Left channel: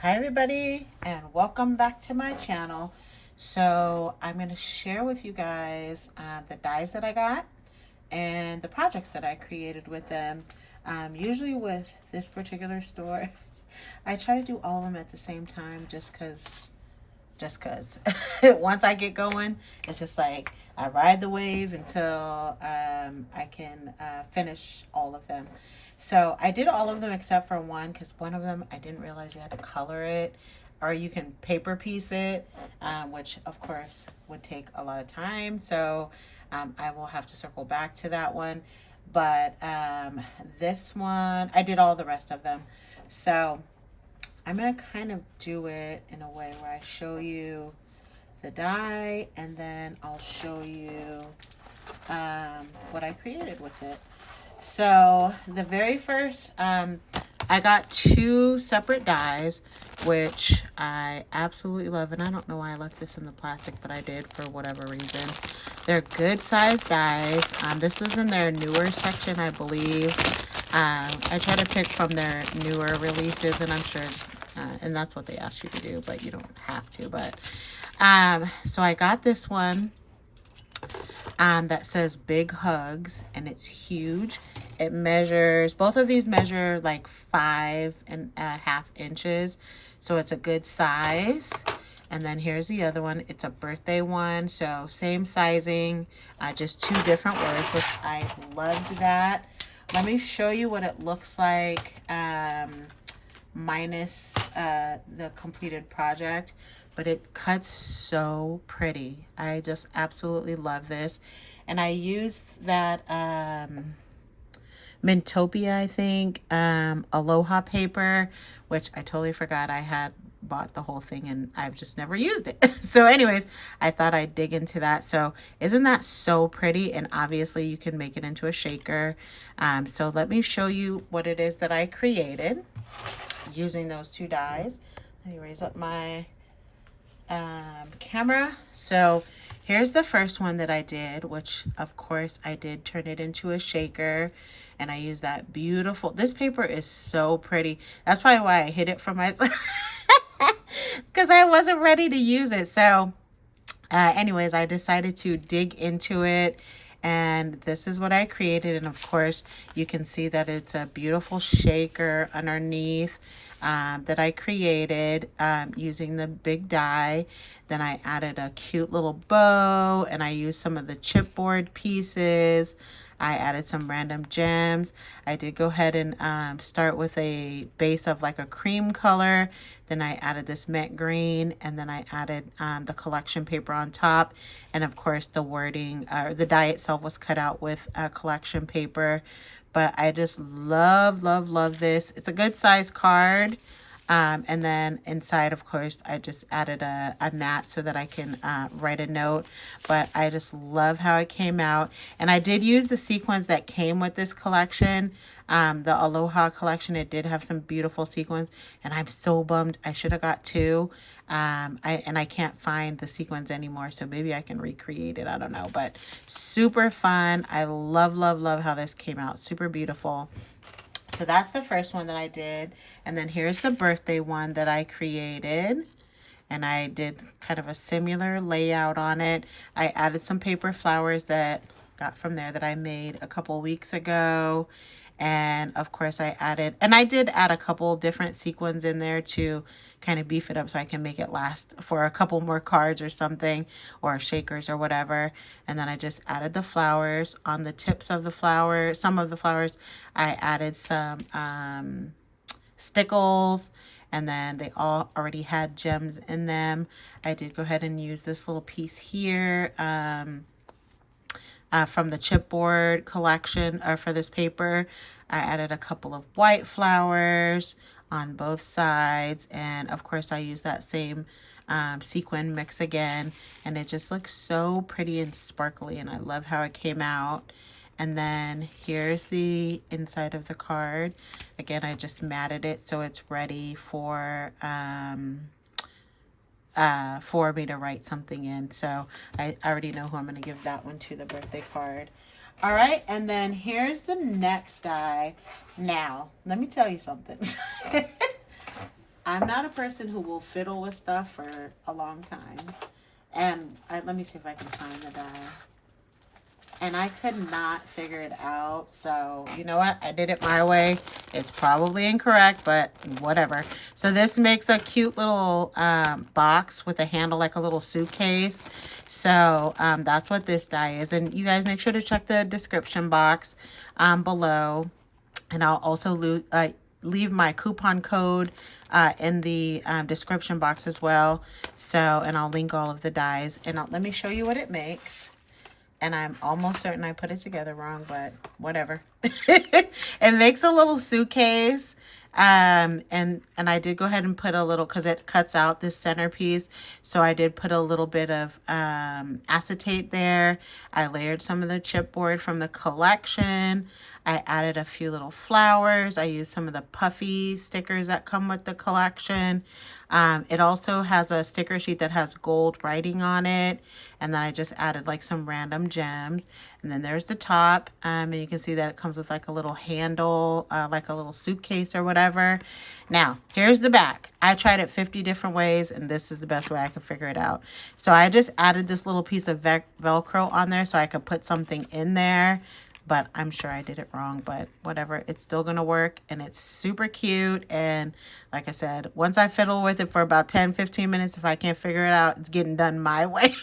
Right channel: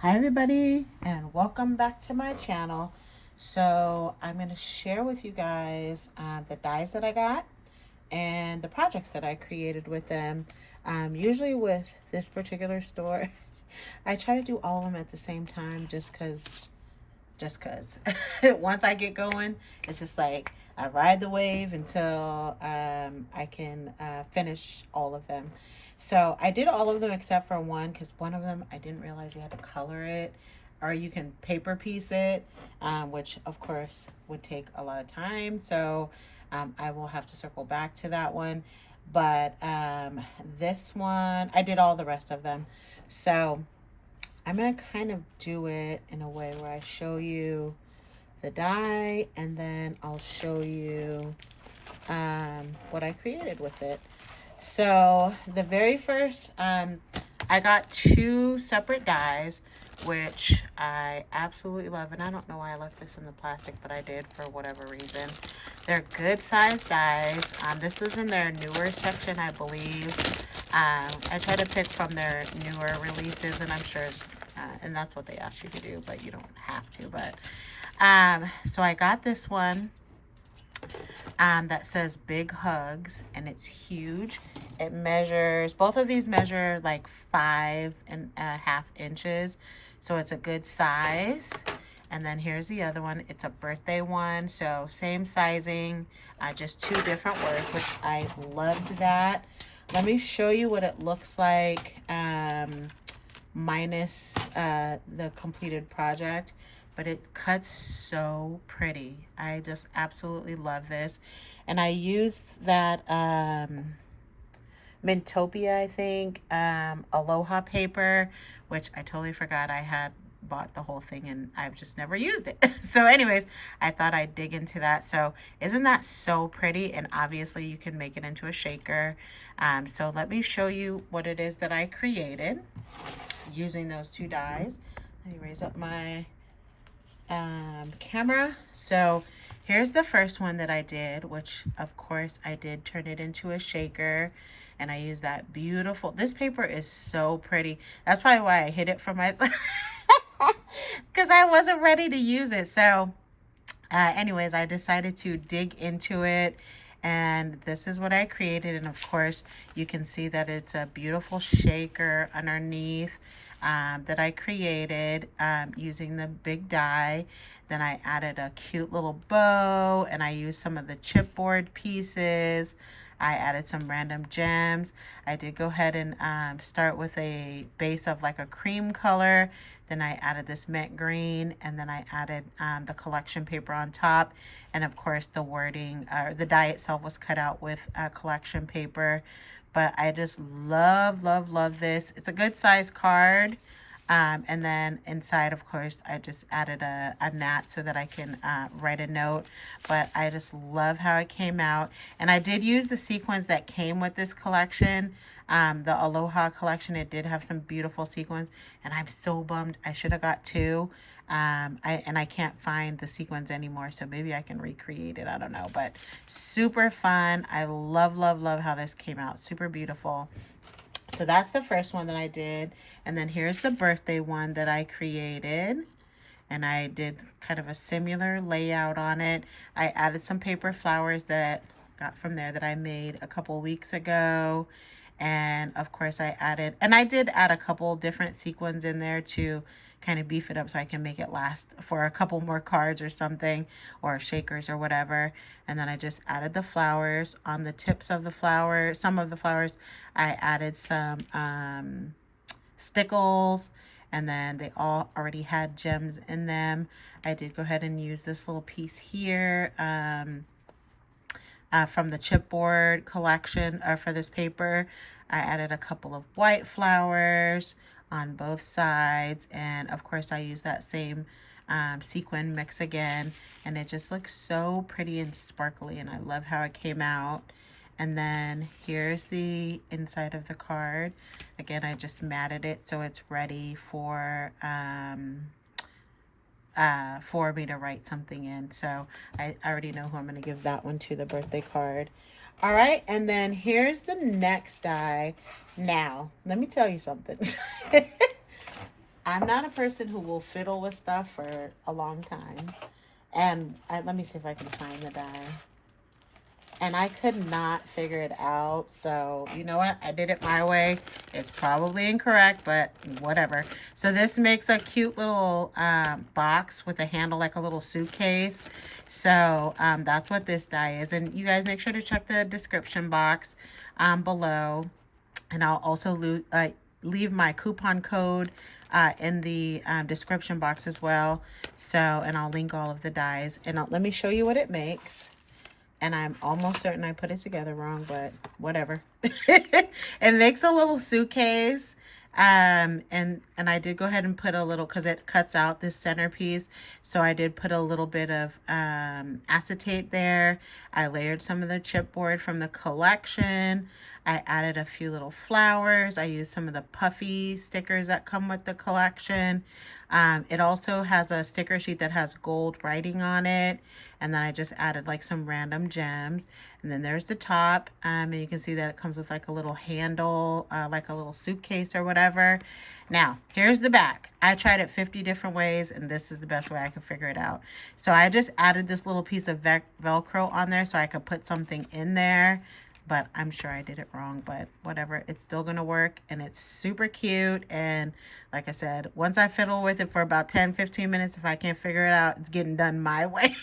Hi everybody and welcome back to my channel. So I'm going to share with you guys the dies that I got and the projects that I created with them. Usually with this particular store, I try to do all of them at the same time just cause once I get going, it's just like I ride the wave until I can finish all of them. So I did all of them except for one because one of them I didn't realize you had to color it or you can paper piece it, which of course would take a lot of time. So I will have to circle back to that one. But this one, I did all the rest of them. So I'm going to kind of do it in a way where I show you the die and then I'll show you what I created with it. So the very first, I got two separate dies, which I absolutely love. And I don't know why I left this in the plastic, but I did for whatever reason. They're good sized dies. This is in their newer section, I believe. I try to pick from their newer releases, and I'm sure, and that's what they ask you to do, but you don't have to. But so I got this one that says Big Hugs, and it's huge. It measures, both of these measure like 5.5 inches, so it's a good size. And then here's the other one. It's a birthday one, so same sizing, just two different words, which I loved that. Let me show you what it looks like minus the completed project. But it cuts so pretty. I just absolutely love this. And I used that Mintopia, I think, Aloha paper, which I totally forgot I had bought the whole thing and I've just never used it. So anyways, I thought I'd dig into that. So isn't that so pretty? And obviously you can make it into a shaker. So let me show you what it is that I created using those two dies. Let me raise up my camera. So here's the first one that I did, which of course I did turn it into a shaker, and I used that beautiful, this paper is so pretty. That's probably why I hid it from myself because I wasn't ready to use it. So anyways, I decided to dig into it, and this is what I created. And of course you can see that it's a beautiful shaker underneath that I created using the big die. Then I added a cute little bow, and I used some of the chipboard pieces. I added some random gems. I did go ahead and start with a base of like a cream color. Then I added this mint green, and then I added the collection paper on top. And of course the wording, the die itself was cut out with collection paper. But I just love, love, love this. It's a good size card. And then inside, of course, I just added a mat so that I can write a note. But I just love how it came out. And I did use the sequins that came with this collection. The Aloha collection, it did have some beautiful sequins. And I'm so bummed. I should have got two. I can't find the sequins anymore, so maybe I can recreate it. I don't know, but super fun. I love, love, love how this came out. Super beautiful. So that's the first one that I did. And then here's the birthday one that I created. And I did kind of a similar layout on it. I added some paper flowers that got from there that I made a couple weeks ago. And of course I added, and I did add a couple different sequins in there to kind of beef it up so I can make it last for a couple more cards or something, or shakers or whatever. And then I just added the flowers on the tips of the flower. Some of the flowers I added some stickles, and then they all already had gems in them. I did go ahead and use this little piece here from the chipboard collection, or for this paper. I added a couple of white flowers on both sides, and of course I use that same sequin mix again, and it just looks so pretty and sparkly, and I love how it came out. And then here's the inside of the card. Again, I just matted it so it's ready for me to write something in. So I already know who I'm going to give that one to, the birthday card. All right, and then here's the next die. Now, let me tell you something. I'm not a person who will fiddle with stuff for a long time. And let me see if I can find the die. And I could not figure it out. So, you know what? I did it my way. It's probably incorrect, but whatever. So this makes a cute little box with a handle like a little suitcase. So that's what this die is. And you guys make sure to check the description box below. And I'll also leave my coupon code in the description box as well. So, and I'll link all of the dies. And let me show you what it makes. And I'm almost certain I put it together wrong, but whatever. It makes a little suitcase. And I did go ahead and put a little, because it cuts out this centerpiece. So I did put a little bit of acetate there. I layered some of the chipboard from the collection. I added a few little flowers. I used some of the puffy stickers that come with the collection. It also has a sticker sheet that has gold writing on it. And then I just added like some random gems. And then there's the top. And you can see that it comes with like a little handle, like a little suitcase or whatever. Now, here's the back. I tried it 50 different ways, and this is the best way I could figure it out. So I just added this little piece of Velcro on there so I could put something in there. But I'm sure I did it wrong, but whatever. It's still going to work, and it's super cute. And like I said, once I fiddle with it for about 10, 15 minutes, if I can't figure it out, it's getting done my way.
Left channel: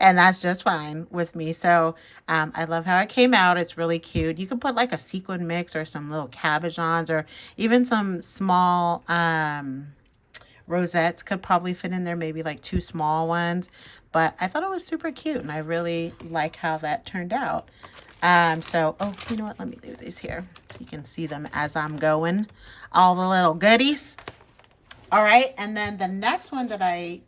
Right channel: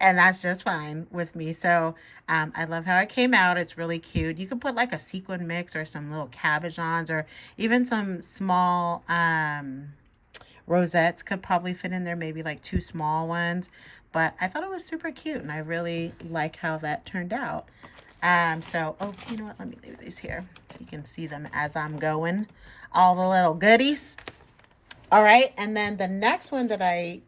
And that's just fine with me. So I love how it came out. It's really cute. You can put like a sequin mix or some little cabochons, or even some small rosettes could probably fit in there, maybe like 2 small ones. But I thought it was super cute, and I really like how that turned out. So, oh, you know what? Let me leave these here so you can see them as I'm going. All the little goodies. All right, and then the next one that I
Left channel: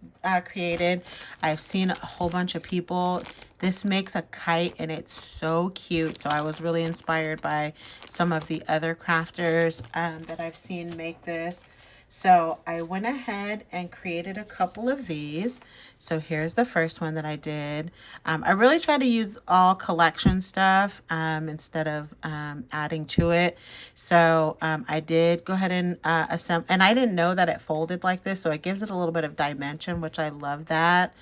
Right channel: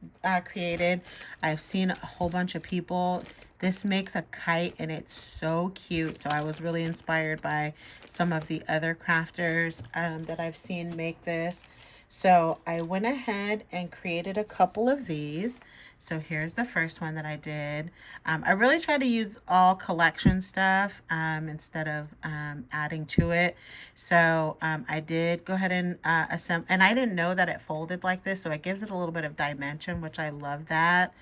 created, I've seen a whole bunch of people. This makes a kite, and it's so cute. So I was really inspired by some of the other crafters that I've seen make this. So I went ahead and created a couple of these. So here's the first one that I did. I really try to use all collection stuff instead of adding to it. So I did go ahead and assemble, and I didn't know that it folded like this, so it gives it a little bit of dimension, which I love that.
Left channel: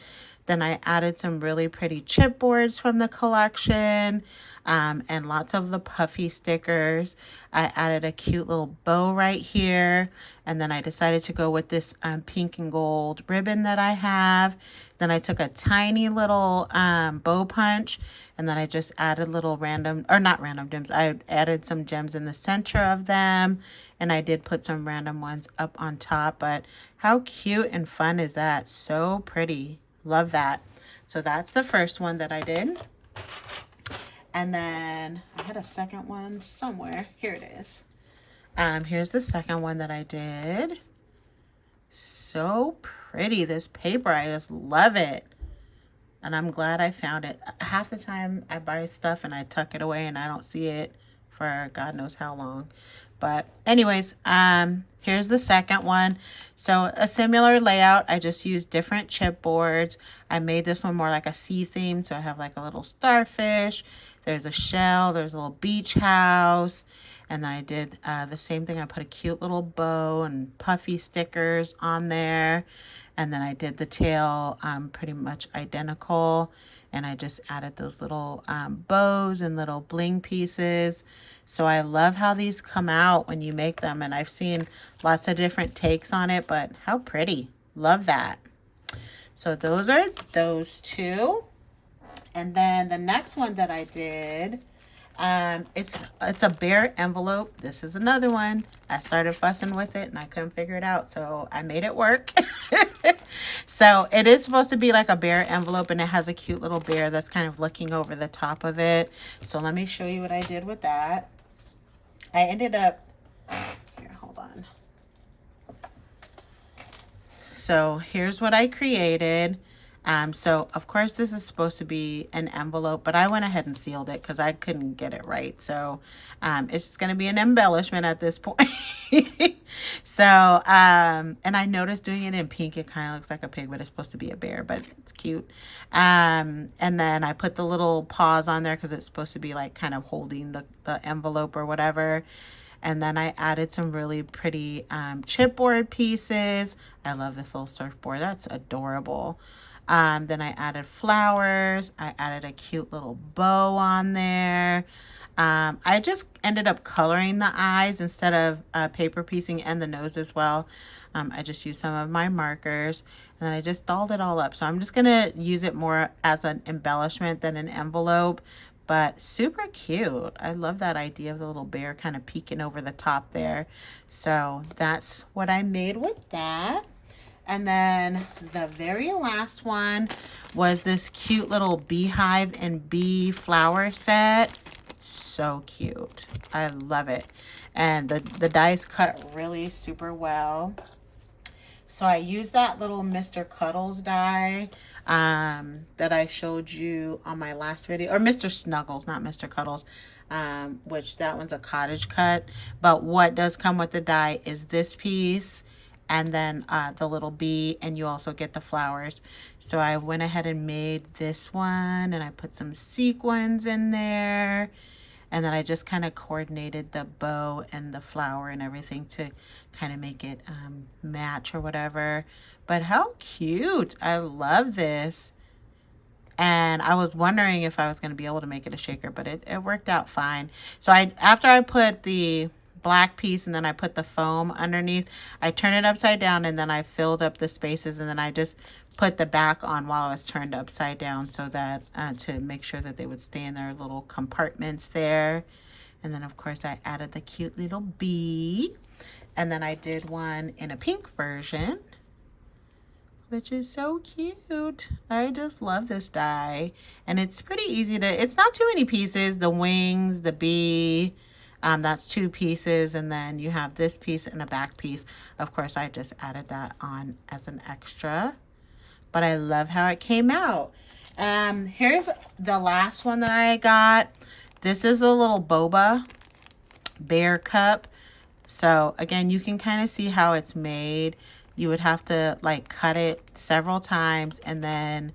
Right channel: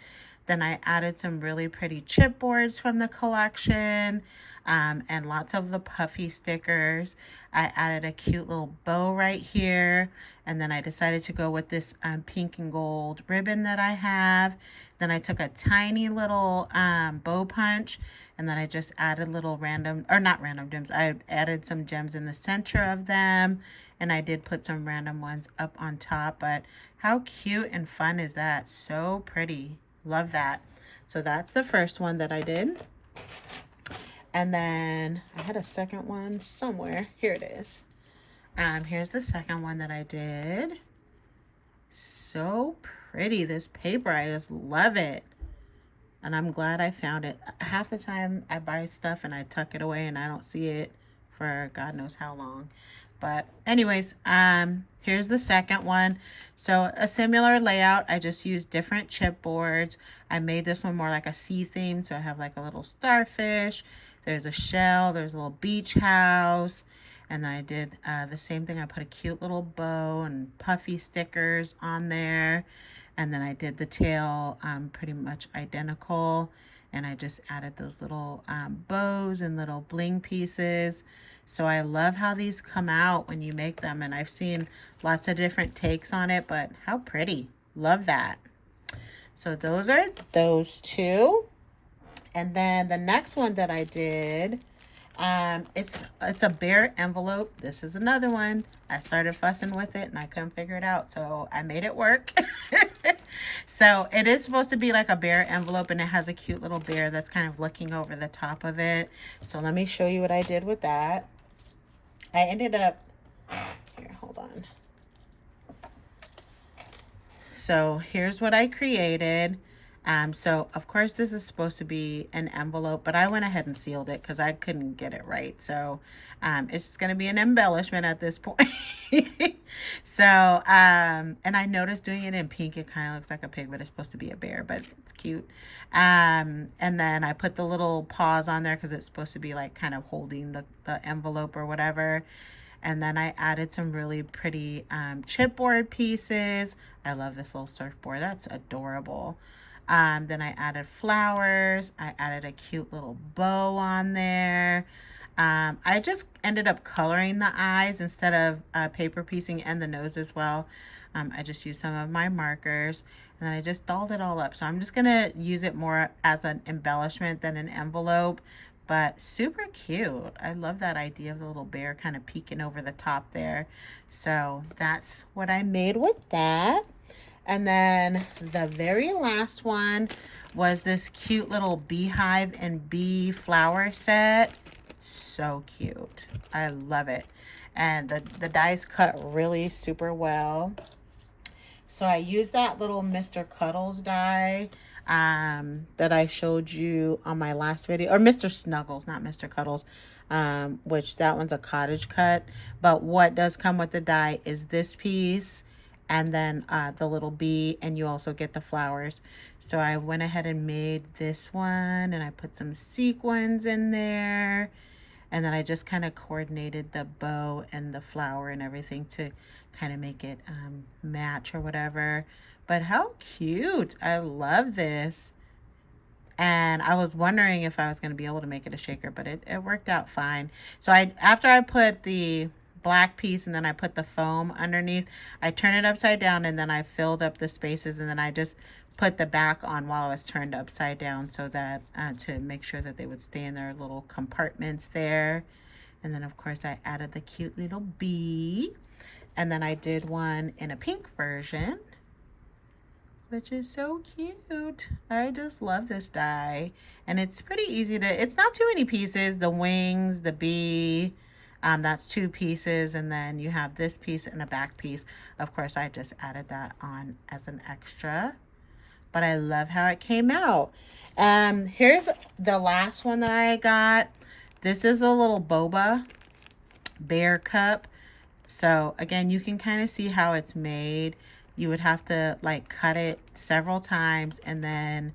Then I added some really pretty chipboards from the collection. And lots of the puffy stickers. I added a cute little bow right here. And then I decided to go with this pink and gold ribbon that I have. Then I took a tiny little bow punch. And then I just added little random, or not random gems. I added some gems in the center of them. And I did put some random ones up on top. But how cute and fun is that? So pretty. Love that. So that's the first one that I did. And then I had a second one somewhere. Here it is. Here's the second one that I did. So pretty, this paper. I just love it. And I'm glad I found it. Half the time I buy stuff and I tuck it away and I don't see it for God knows how long. But anyways, here's the second one. So a similar layout. I just used different chipboards. I made this one more like a sea theme. So I have like a little starfish. There's a shell, there's a little beach house, and then I did the same thing. I put a cute little bow and puffy stickers on there, and then I did the tail pretty much identical, and I just added those little bows and little bling pieces. So I love how these come out when you make them, and I've seen lots of different takes on it, but how pretty. Love that. So those are those two. And then the next one that I did, it's a bear envelope. This is another one. I started fussing with it and I couldn't figure it out, so I made it work. So it is supposed to be like a bear envelope, and it has a cute little bear that's kind of looking over the top of it. So let me show you what I did with that. I ended up, here, hold on. So here's what I created. So of course this is supposed to be an envelope, but I went ahead and sealed it because I couldn't get it right. So it's just going to be an embellishment at this point. So and I noticed doing it in pink, it kind of looks like a pig, but it's supposed to be a bear, but it's cute. And then I put the little paws on there because it's supposed to be like kind of holding the envelope or whatever. And then I added some really pretty chipboard pieces. I love this little surfboard. That's adorable. Then I added flowers. I added a cute little bow on there. I just ended up coloring the eyes instead of paper piecing, and the nose as well. I just used some of my markers, and then I just dolled it all up. So I'm just going to use it more as an embellishment than an envelope, but super cute. I love that idea of the little bear kind of peeking over the top there. So that's what I made with that. And then the very last one was this cute little beehive and bee flower set. So cute. I love it. And the dies cut really super well. So I used that little Mr. Cuddles die that I showed you on my last video, or Mr. Snuggles, not Mr. Cuddles, which that one's a cottage cut. But what does come with the die is this piece, and then the little bee, and you also get the flowers. So I went ahead and made this one, and I put some sequins in there, and then I just kind of coordinated the bow and the flower and everything to kind of make it match or whatever. But how cute. I love this. And I was wondering if I was going to be able to make it a shaker, but it worked out fine. So after I put the black piece and then I put the foam underneath, I turned it upside down, and then I filled up the spaces, and then I just put the back on while it was turned upside down, so that to make sure that they would stay in their little compartments there. And then of course I added the cute little bee, and then I did one in a pink version, which is so cute. I just love this die, and it's pretty easy to, it's not too many pieces. The wings, the bee, that's 2 pieces, and then you have this piece and a back piece. Of course, I just added that on as an extra, but I love how it came out. Here's the last one that I got. This is a little Boba Bear Cup. So again, you can kind of see how it's made. You would have to like cut it several times, and then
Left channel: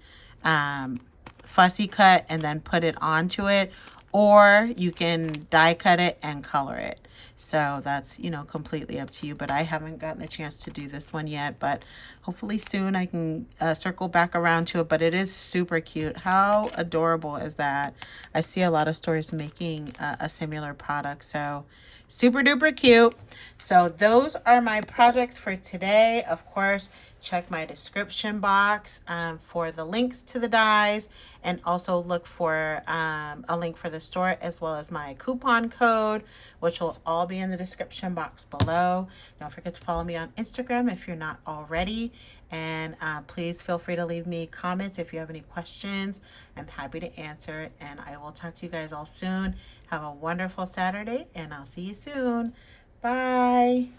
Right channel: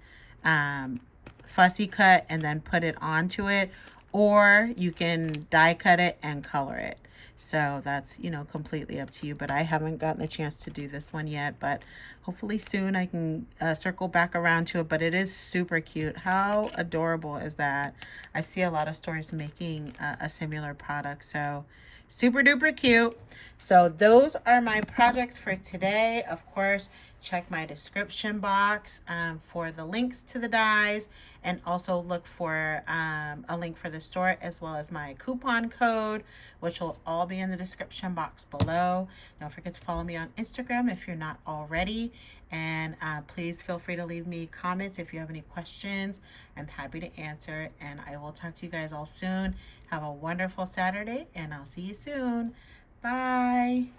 fussy cut and then put it onto it, or you can die cut it and color it. So that's, you know, completely up to you, but I haven't gotten a chance to do this one yet, but hopefully soon I can circle back around to it. But it is super cute. How adorable is that? I see a lot of stores making a similar product, so super duper cute. So those are my projects for today. Of course, check my description box for the links to the dies, and also look for a link for the store as well as my coupon code, which will all be in the description box below. Don't forget to follow me on Instagram if you're not already, and please feel free to leave me comments if you have any questions. I'm happy to answer, and I will talk to you guys all soon. Have a wonderful Saturday, and I'll see you soon. Bye.